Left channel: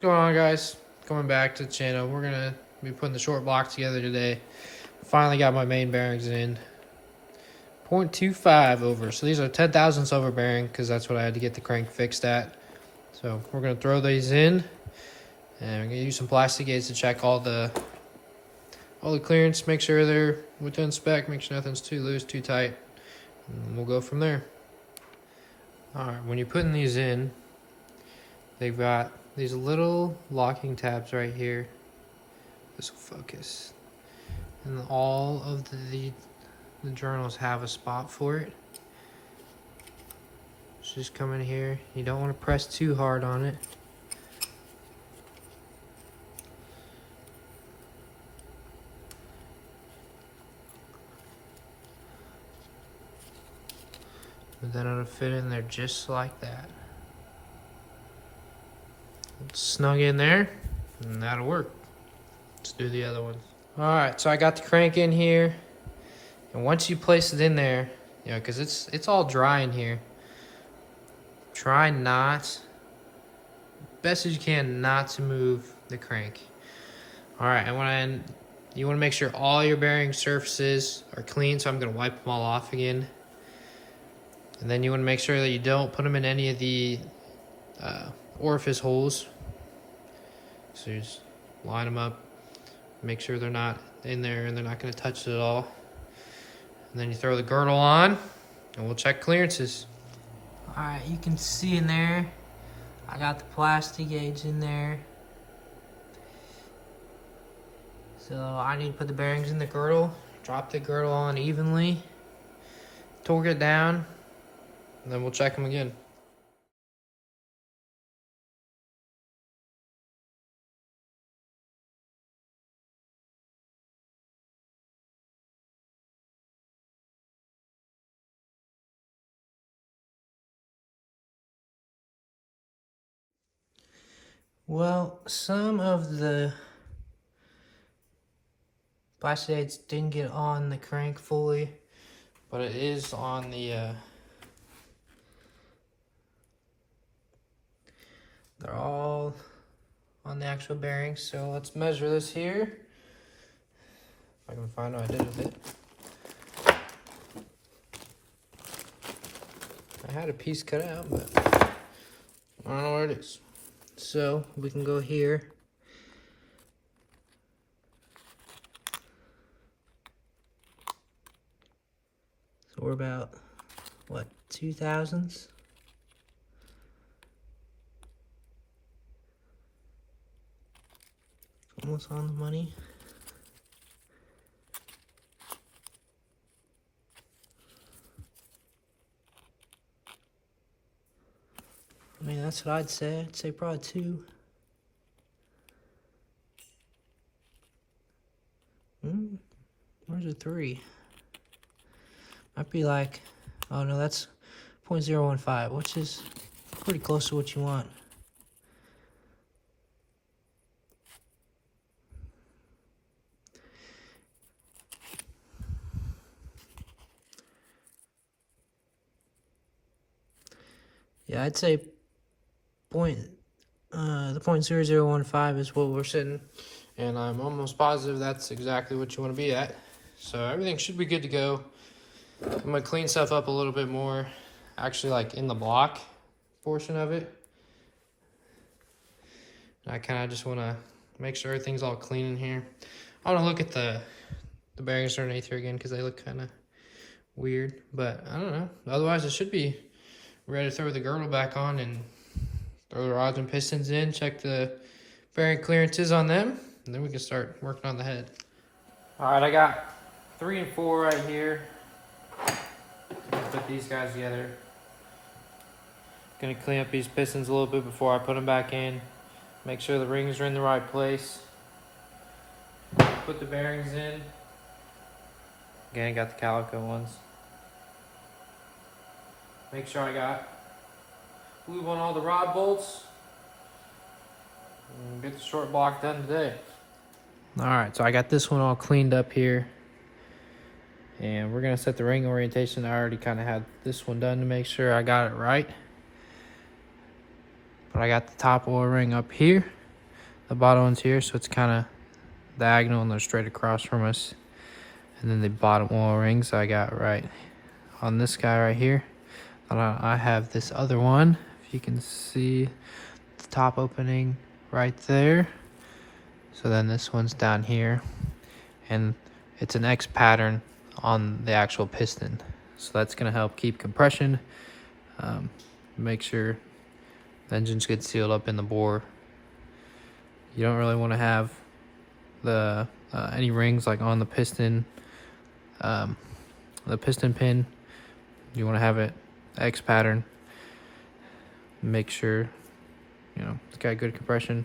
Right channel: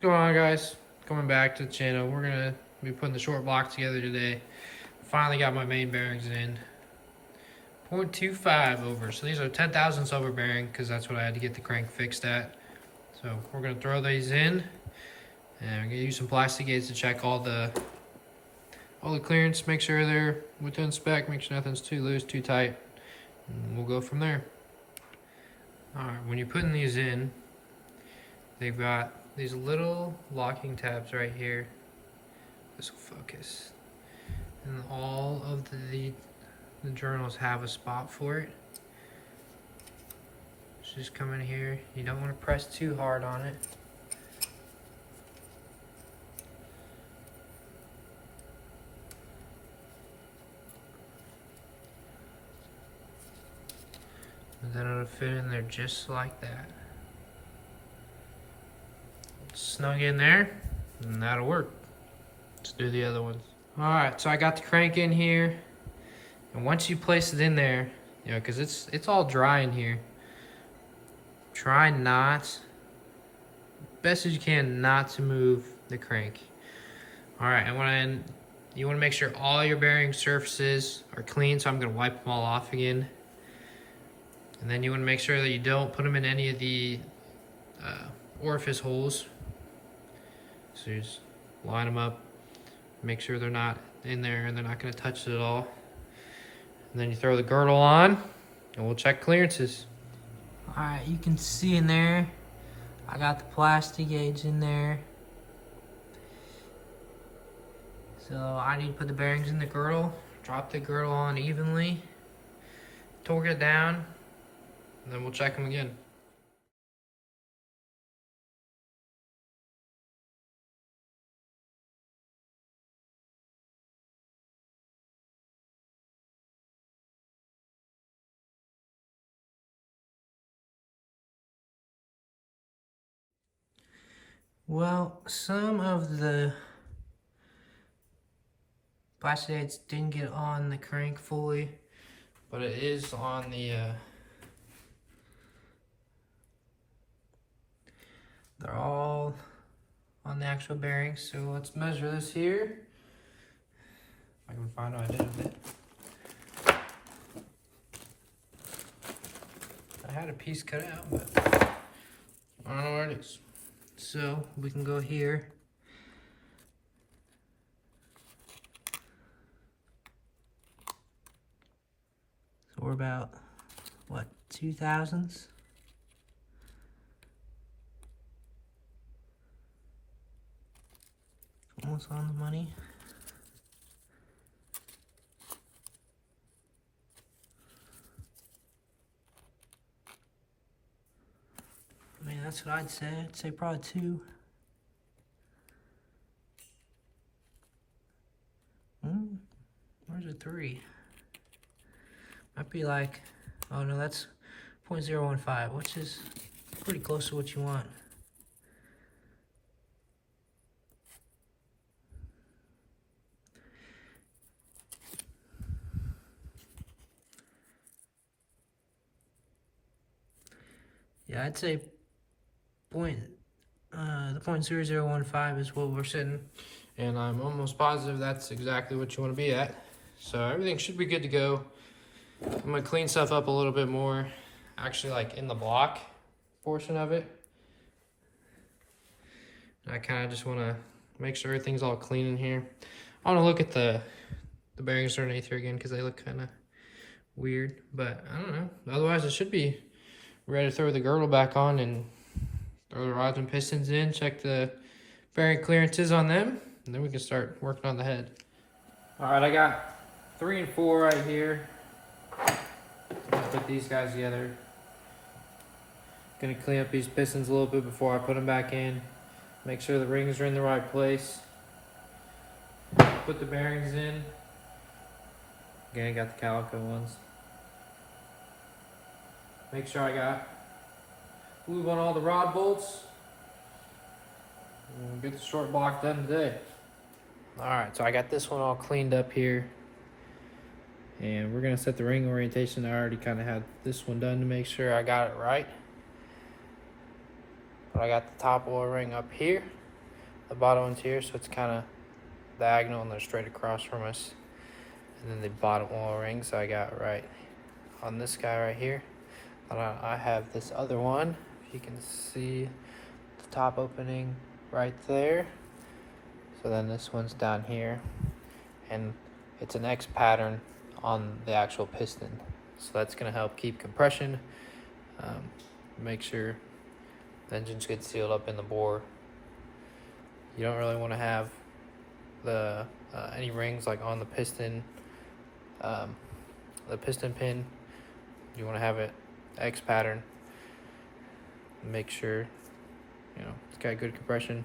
What's going on, guys? Coming back to the channel. We're gonna be putting the short block together today. Finally got my main bearings in. 0.25 over. So these are 10 thousandths over bearing because that's what I had to get the crank fixed at. So we're gonna throw these in, and we're gonna use some plastic gates to check all the clearance. Make sure they're within spec. Make sure nothing's too loose, too tight, and we'll go from there. All right. When you're putting these in, they've got these little locking tabs right here. This will focus. And all of the journals have a spot for it. So just come in here. You don't want to press too hard on it. And then it'll fit in there just like that. Snug in there, and that'll work. Let's do the other ones. All right, so I got the crank in here, and once you place it in there, you know, because it's all dry in here, try not, best as you can, not to move the crank. All right, and you want to make sure all your bearing surfaces are clean, so I'm going to wipe them all off again. And then you want to make sure that you don't put them in any of the orifice holes. So you just line them up, make sure they're not in there and they're not going to touch it at all. And then you throw the girdle on, and we'll check clearances. All right, you can see in there, I got the plastic gauge in there. So I need to put the bearings in the girdle, drop the girdle on evenly, torque it down, and then we'll check them again. Well, some of the plastic aids didn't get on the crank fully, but it is on the, they're all on the actual bearings. So let's measure this here. If I can find what I did with it. I had a piece cut out, but I don't know where it is. So we can go here. So we're about, what, 2 thousandths? Almost on the money. I mean, that's what I'd say. I'd say probably 2. Where's the 3? Might be like, oh no, that's 0.015, which is pretty close to what you want. Yeah, I'd say the 0.0015 is what we're sitting, and I'm almost positive that's exactly what you want to be at. So everything should be good to go. I'm gonna clean stuff up a little bit more, actually, like in the block portion of it. I kind of just want to make sure everything's all clean in here. I want to look at the bearings underneath here again because they look kind of weird, but I don't know. Otherwise, it should be ready to throw the girdle back on and throw the rods and pistons in, check the bearing clearances on them, and then we can start working on the head. All right, I got 3 and 4 right here. Let's put these guys together. Gonna clean up these pistons a little bit before I put them back in. Make sure the rings are in the right place. Put the bearings in. Again, got the calico ones. Make sure I got glue on all the rod bolts. And get the short block done today. Alright, so I got this one all cleaned up here. And we're going to set the ring orientation. I already kind of had this one done to make sure I got it right. But I got the top oil ring up here. The bottom one's here, so it's kind of diagonal and they're straight across from us. And then the bottom oil rings I got right on this guy right here. And I have this other one, if you can see the top opening right there. So then this one's down here, and it's an X pattern on the actual piston. So that's gonna help keep compression, make sure the engines get sealed up in the bore. You don't really want to have the any rings like on the piston pin. You want to have it X pattern. Make sure it's got good compression.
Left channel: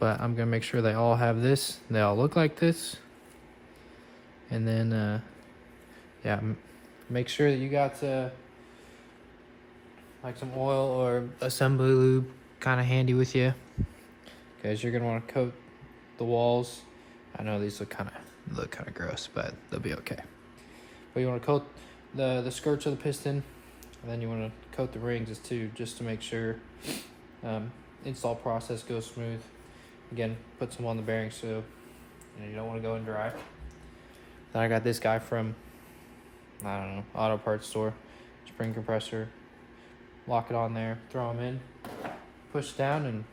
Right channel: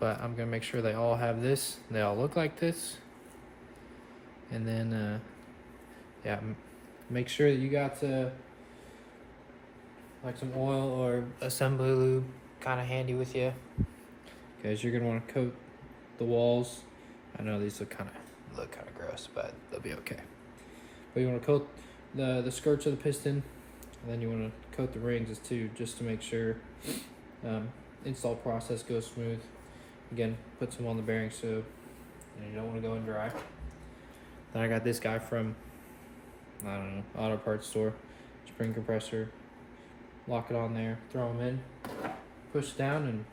But I'm gonna make sure they all have this. They all look like this. And then yeah, make sure that you got like some oil or assembly lube kind of handy with you, because you're gonna want to coat the walls. I know these look kind of gross, but they'll be okay. But you want to coat the skirts of the piston, and then you want to coat the rings too, just to make sure install process goes smooth. Again, put some on the bearings so you don't want to go in dry. Then I got this guy from, I don't know, auto parts store, spring compressor. Lock it on there, throw them in, push down, and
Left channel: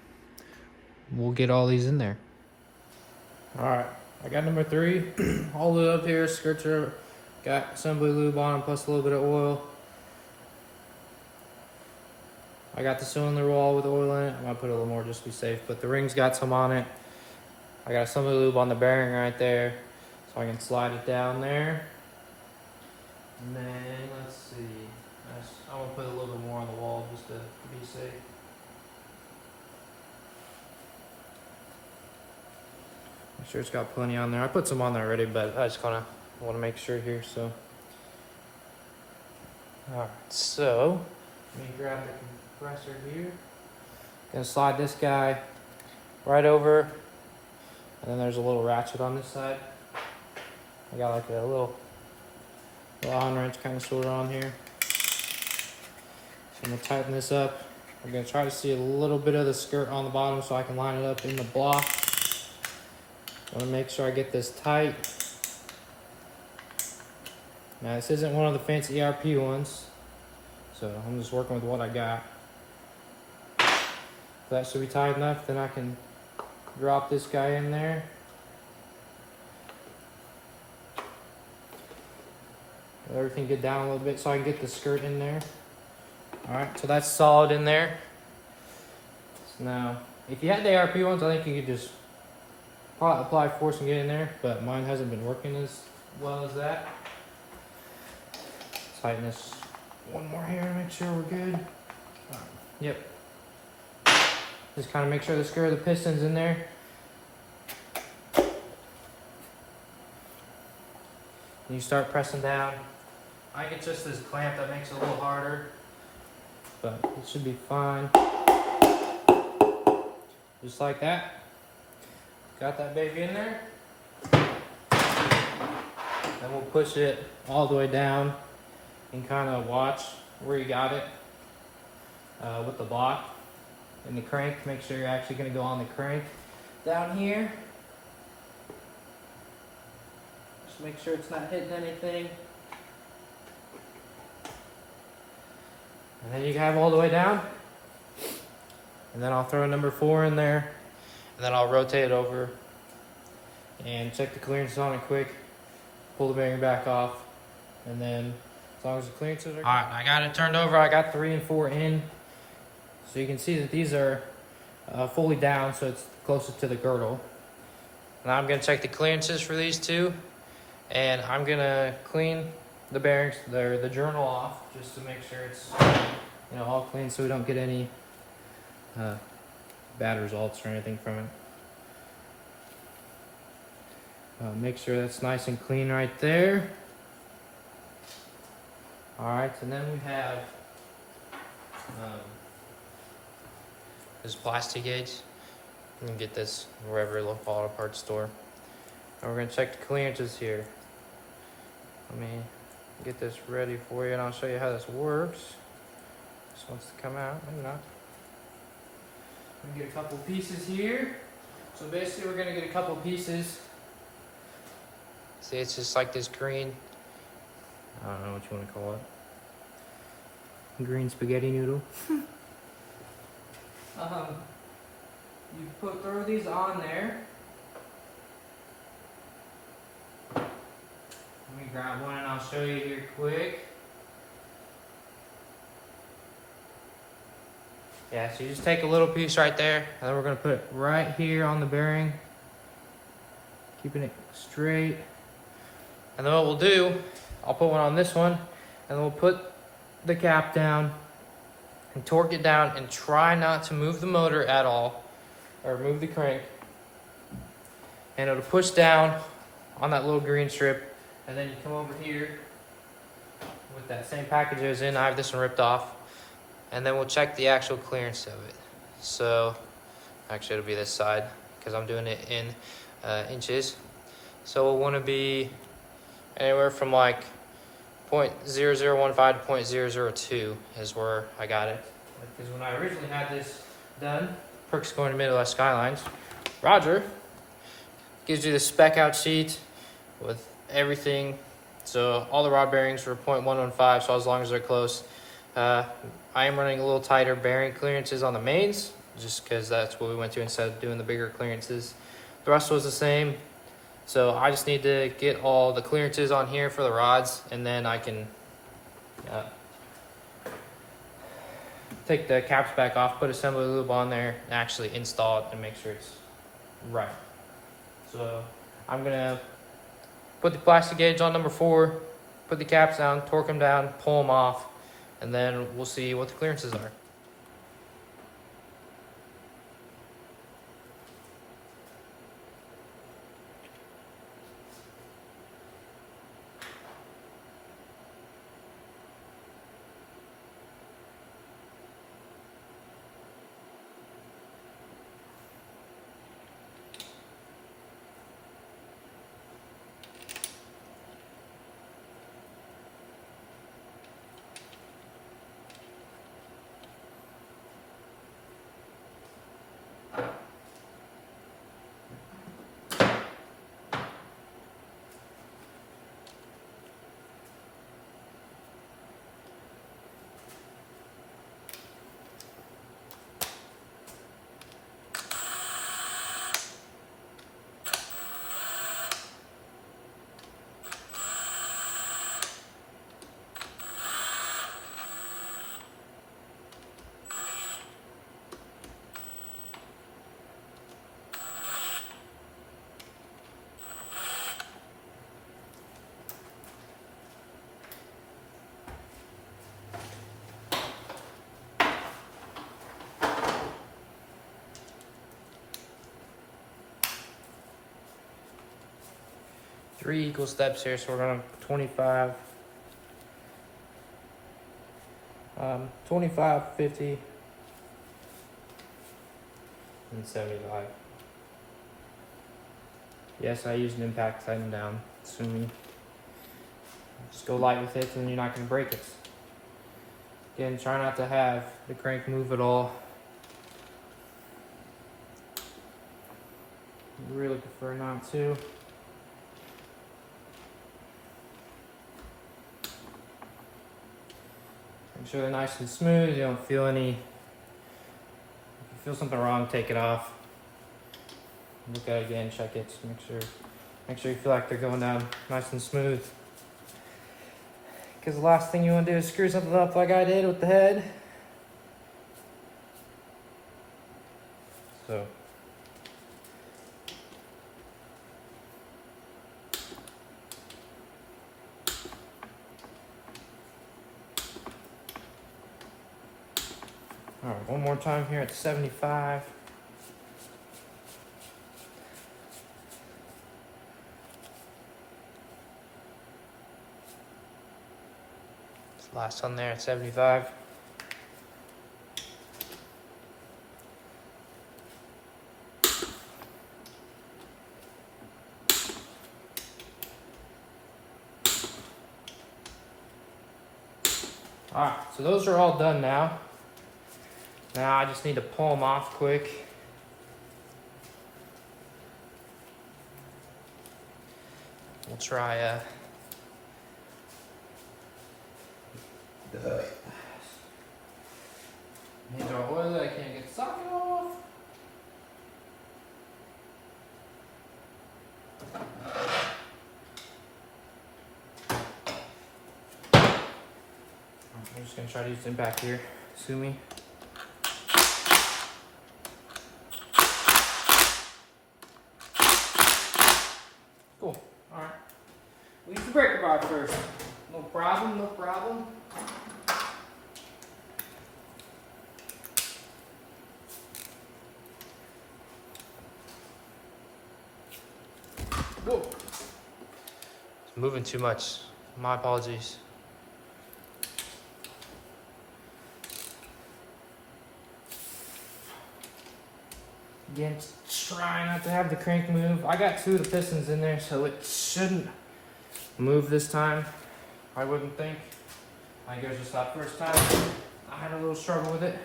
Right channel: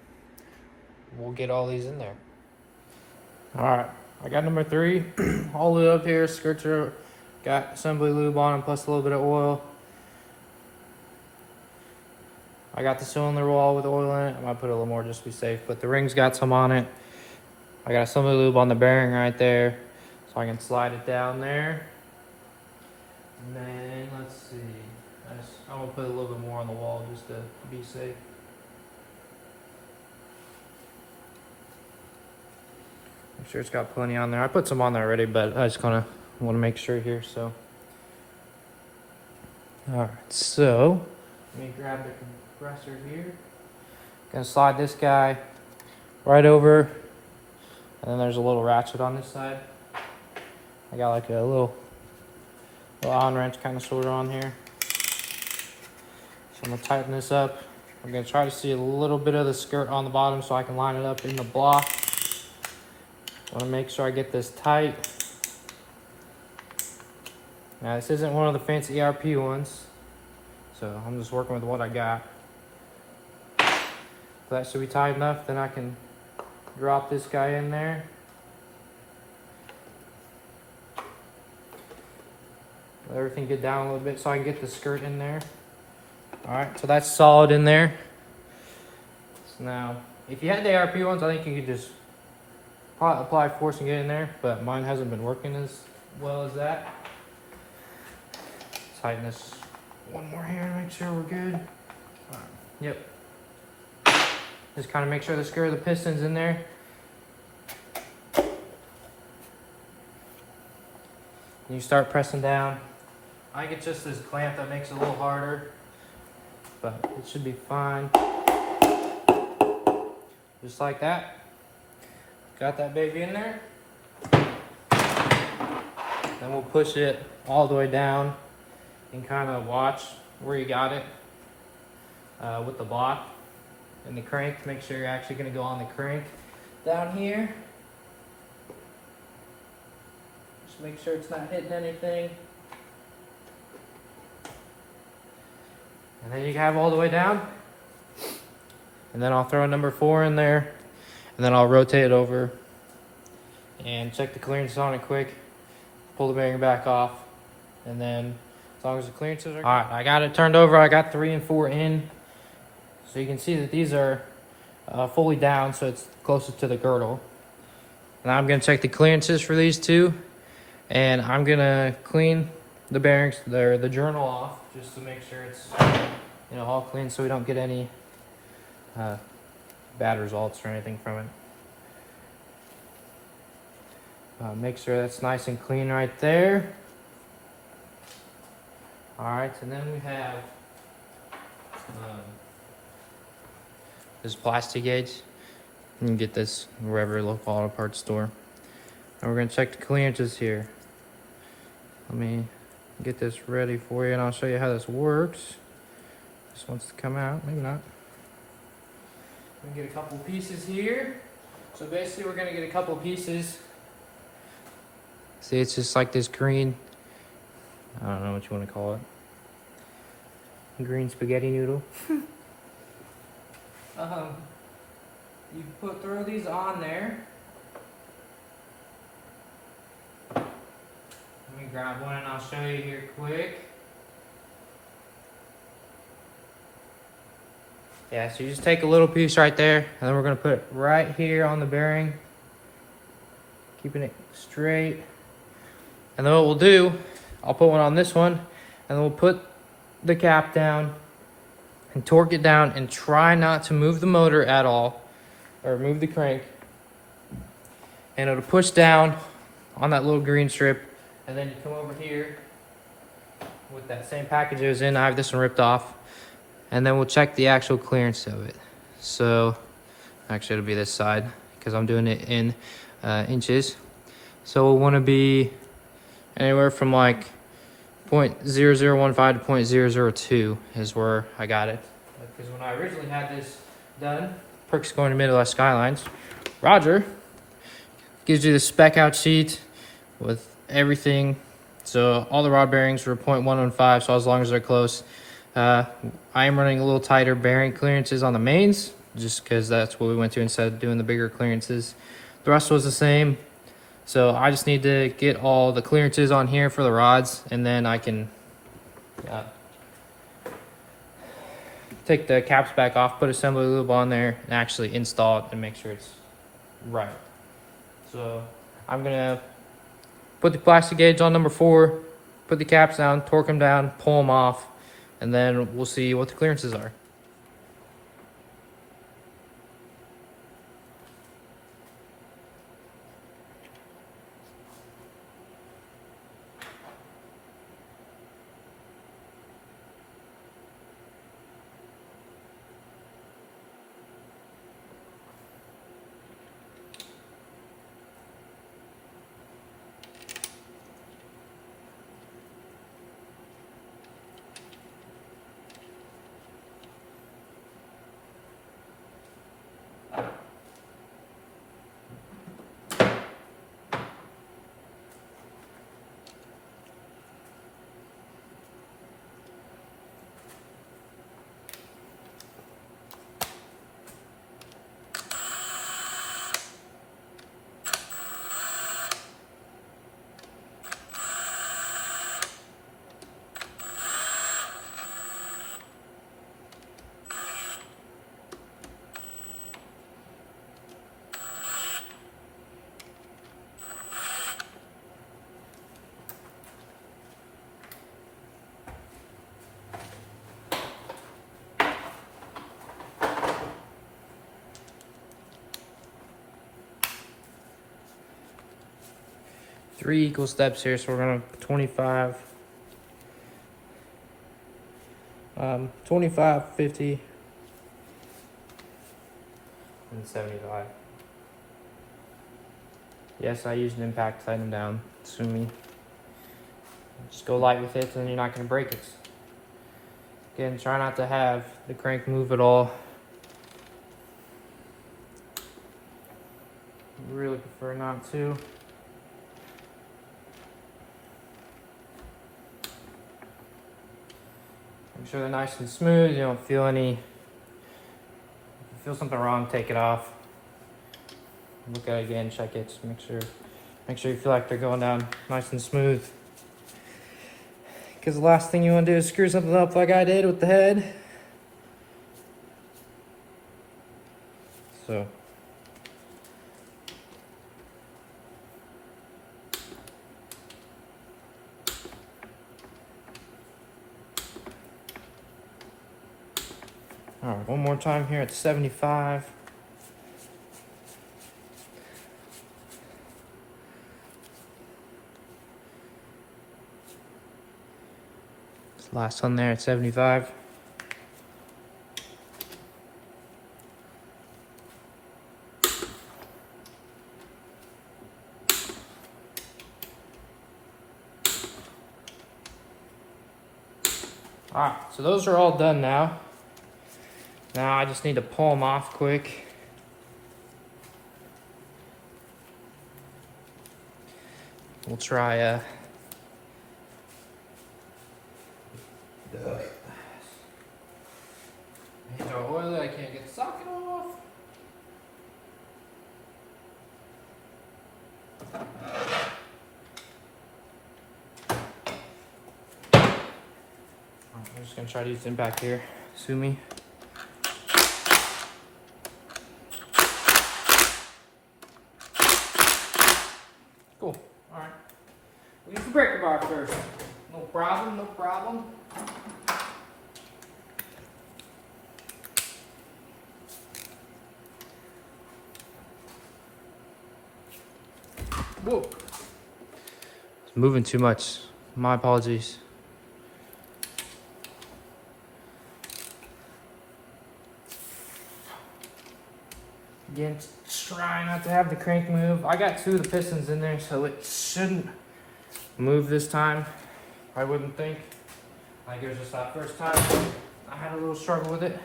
we'll get all these in there. All right, I got number 3 all the way up here. Skirts are got assembly lube on them, plus a little bit of oil. I got the cylinder wall with oil in it. I might put a little more just to be safe, but the ring's got some on it. I got assembly lube on the bearing right there, so I can slide it down there. And then let's see. I'm gonna put a little bit more on the wall just to be safe. Make sure it's got plenty on there. I put some on there already, but I just want to make sure here. So, all right. So let me grab the compressor here. Gonna slide this guy right over, and then there's a little ratchet on this side. I got like a little Allen wrench kind of sort of on here. So I'm gonna tighten this up. I'm gonna try to see a little bit of the skirt on the bottom so I can line it up in the block. I wanna make sure I get this tight. Now this isn't one of the fancy ERP ones, so I'm just working with what I got. So that should be tight enough, then I can drop this guy in there. Let everything get down a little bit so I can get the skirt in there. All right, so that's solid in there. So now, if you had the ARP ones, I think you could just apply force and get in there, but mine hasn't been working as well as that. Tighten this one more here to make sure we're good. Yep. Just kind of make sure the skirt of the piston's in there. And you start pressing down. I get just this clamp that makes it a little harder, but it should be fine. Just like that. Got that baby in there. And we'll push it all the way down and kind of watch where you got it with the block and the crank. Make sure you're actually going to go on the crank down here. Just make sure it's not hitting anything. And then you have all the way down. And then I'll throw number 4 in there. And then I'll rotate it over and check the clearance on it quick. Pull the bearing back off. And then as long as the clearances are good. All right, I got it turned over. I got 3 and 4 in. So you can see that these are fully down, so it's closer to the girdle. Now I'm gonna check the clearances for these two. And I'm gonna clean the bearings, the journal off, just to make sure it's all clean, so we don't get any bad results or anything from it. Make sure that's nice and clean right there. All right, and then we have this plastic gauge. You can get this wherever local auto parts store. And we're gonna check the clearances here. Let me get this ready for you, and I'll show you how this works. This wants to come out, maybe not. I'm gonna get a couple pieces here. So basically we're gonna get a couple pieces. See, it's just like this green, I don't know what you want to call it. Green spaghetti noodle. You throw these on there. Let me grab one and I'll show you here quick. Yeah, so you just take a little piece right there, and then we're gonna put it right here on the bearing, keeping it straight. And then what we'll do, I'll put one on this one, and then we'll put the cap down and torque it down and try not to move the motor at all, or move the crank. And it'll push down on that little green strip, and then you come over here with that same package it was in. I have this one ripped off, and then we'll check the actual clearance of it. So actually it'll be this side because I'm doing it in inches. So we'll want to be anywhere from like 0.0015 to 0.002 is where I got it. Because when I originally had this done, Perk's going to Midwest Skylines, Roger gives you the spec out sheet with everything. So all the rod bearings were 0.115, so as long as they're close. I am running a little tighter bearing clearances on the mains, just because that's what we went to instead of doing the bigger clearances. The rest was the same. So I just need to get all the clearances on here for the rods, and then I can take the caps back off, put assembly lube on there, and actually install it and make sure it's right. So I'm gonna put the plastic gauge on number 4, put the caps down, torque them down, pull them off, and then we'll see what the clearances are. Three equal steps here, so we're gonna 25, 25, 50, and 75. Yes, I used an impact to tighten them down. So just go light with it, and then you're not gonna break it. Again, try not to have the crank move at all. Really prefer not to. Make sure they're nice and smooth. You don't feel any. If you feel something wrong, take it off. Look at it again, check it. Just make sure you feel like they're going down nice and smooth. Because the last thing you want to do is screw something up like I did with the head. So. All right, one more time here at 75. This last one there at 75. All right, so those are all done now. Now I just need to pull them off quick. We'll try these are oily, I can't get the socket off. I'm just gonna try to use them back here. Sue me. Cool. Alright. We'll use the breaker bar first. No problem, no problem. Whoa. It's moving too much. My apologies. Again, try not to have the crank move. I got 2 of the pistons in there, so it shouldn't move this time. I wouldn't think. I think it was just that first time I had a little struggle with it.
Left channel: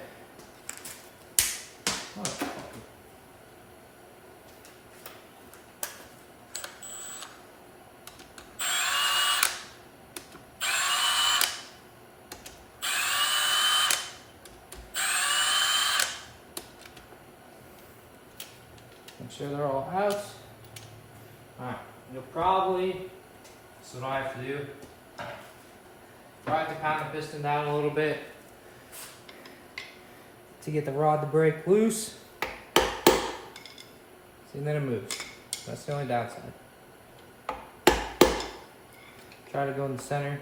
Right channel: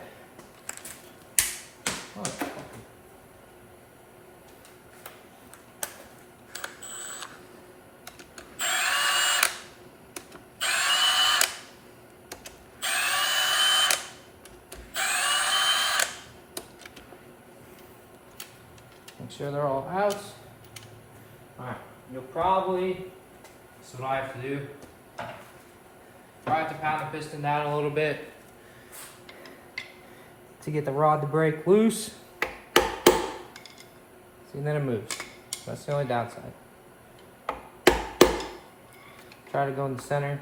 Oh. Make sure they're all out. Alright, you'll probably, this is what I have to do. I have to pound the piston down a little bit to get the rod to break loose. See, and then it moves. That's the only downside. Try to go in the center.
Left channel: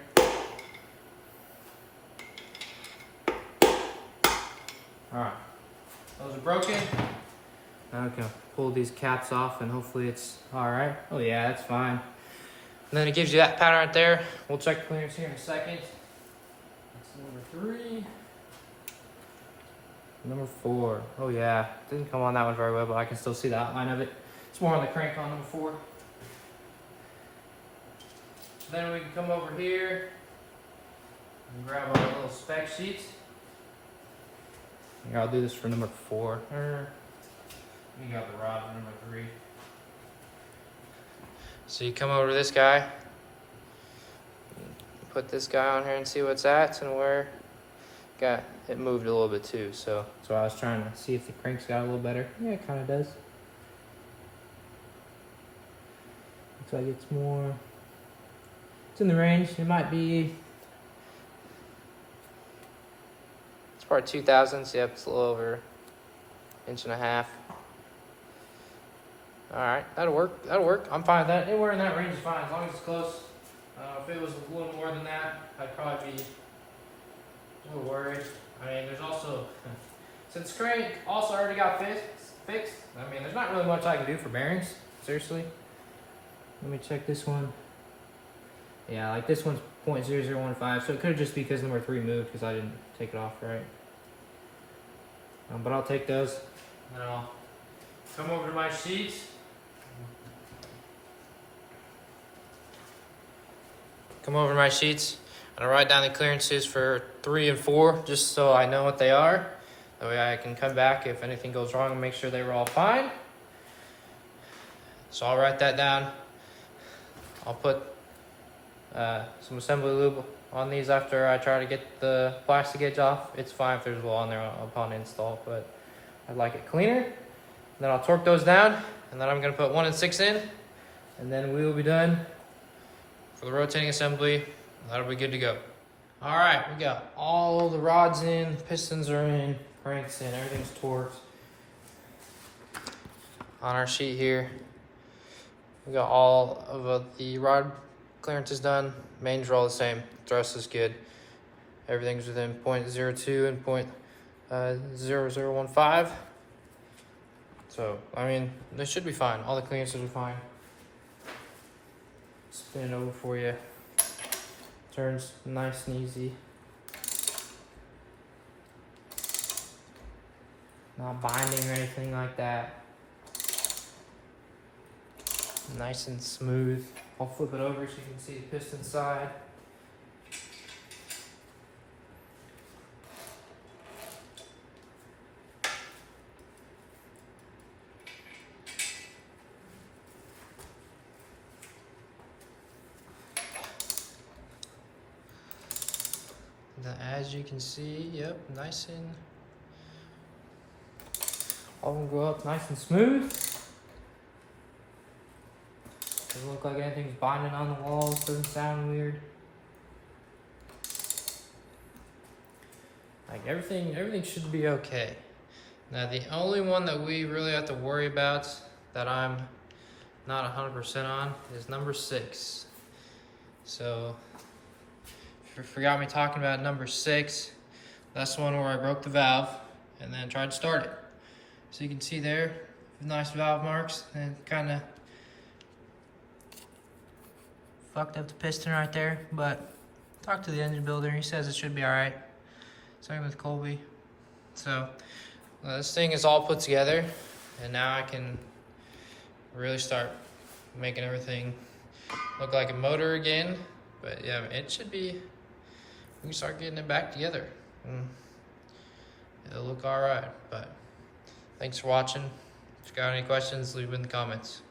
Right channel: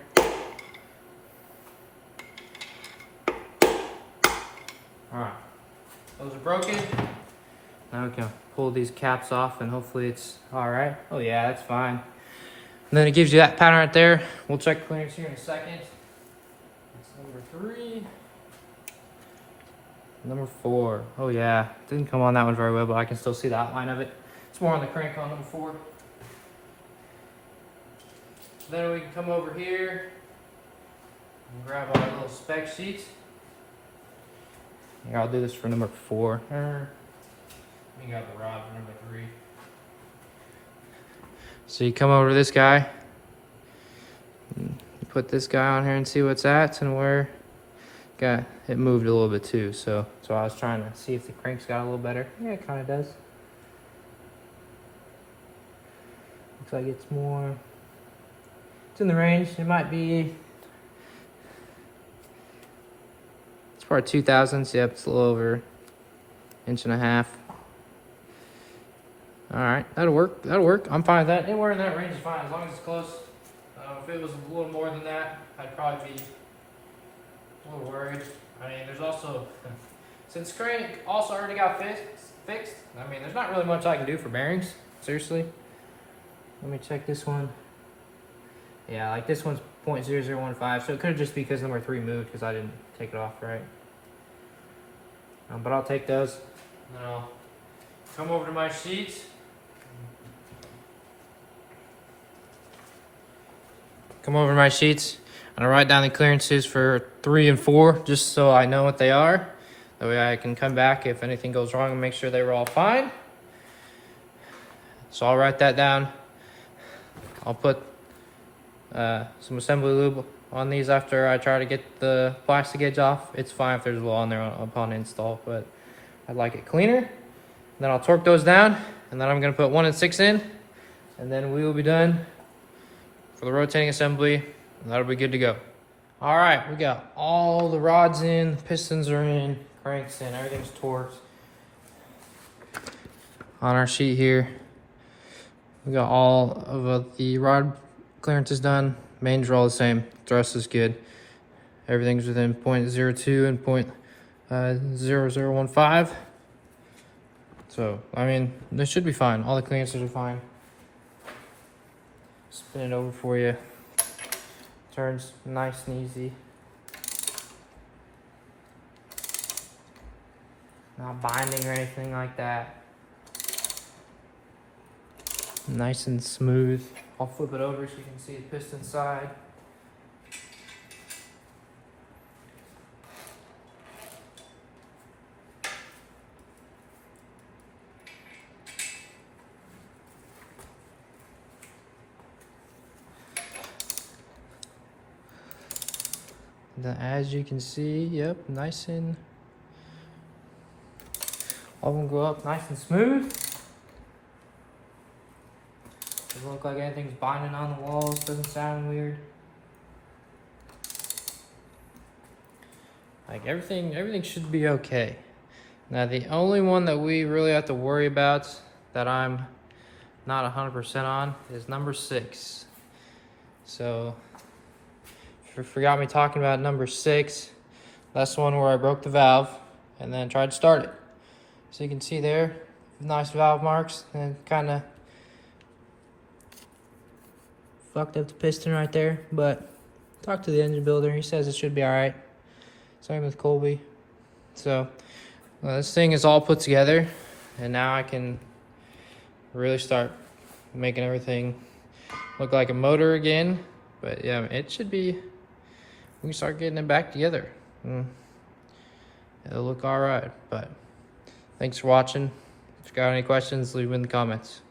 Alright, those are broken. Now we can pull these caps off and hopefully it's alright. Oh yeah, that's fine. And then it gives you that pattern right there. We'll check clearance here in a second. That's number 3. Number 4. Oh yeah, didn't come on that one very well, but I can still see the outline of it. It's more on the crank on number 4. Then we can come over here and grab our little spec sheets. I'll do this for number 4. You got the rod for number 3. So you come over to this guy, put this guy on here and see what's at and where. Got it moved a little bit too, so I was trying to see if the crank's got a little better. Yeah, it kind of does. Looks like it's more. It's in the range. It might be. It's part 2000s. Yep, it's a little over 1.5 inches. Alright, that'll work. That'll work. I'm fine with that. Anywhere in that range is fine as long as it's close. If it was a little more than that, I'd probably be a little worried. I mean, there's also, since crank also already got fixed, I mean, there's not really much I can do for bearings. Seriously. Let me check this one. Yeah, like this one's 0.0015, so it could just be because number 3 moved because I didn't take it off right. But I'll take those. Then I'll come over to my sheets. Come over to my sheets. I'm gonna write down the clearances for 3 and 4, just so I know what they are. That way I can come back if anything goes wrong and make sure they were all fine. So I'll write that down. I'll put some assembly lube on these after I try to get the plastic edge off. It's fine if there's a little on there upon install, but I'd like it cleaner. Then I'll torque those down, and then I'm gonna put 1 6 in, and then we will be done for the rotating assembly, and that'll be good to go. All right, we got all the rods in, pistons are in, cranks in, everything's torqued. On our sheet here, we got all of the rod clearances done. Mains are all the same, the rest is good. Everything's within 0.02 and 0.0015. So, I mean, this should be fine. All the clearances are fine. Spin it over for you. Turns nice and easy. Not binding or anything like that. Nice and smooth. I'll flip it over so you can see the piston side. Then as you can see, yep, nice and all of them go up nice and smooth. Doesn't look like anything's binding on the walls, doesn't sound weird. Like everything should be okay. Now the only one that we really have to worry about that I'm not 100% on is number 6. So forgot me talking about number 6. That's the one where I broke the valve and then tried to start it. So you can see there, nice valve marks, and kind of fucked up the piston right there. But talk to the engine builder, he says it should be all right. Same with Colby. So this thing is all put together, and now I can really start making everything look like a motor again. But yeah, it should be, we can start getting it back together. It'll look all right. But thanks for watching. If you got any questions, leave them in the comments.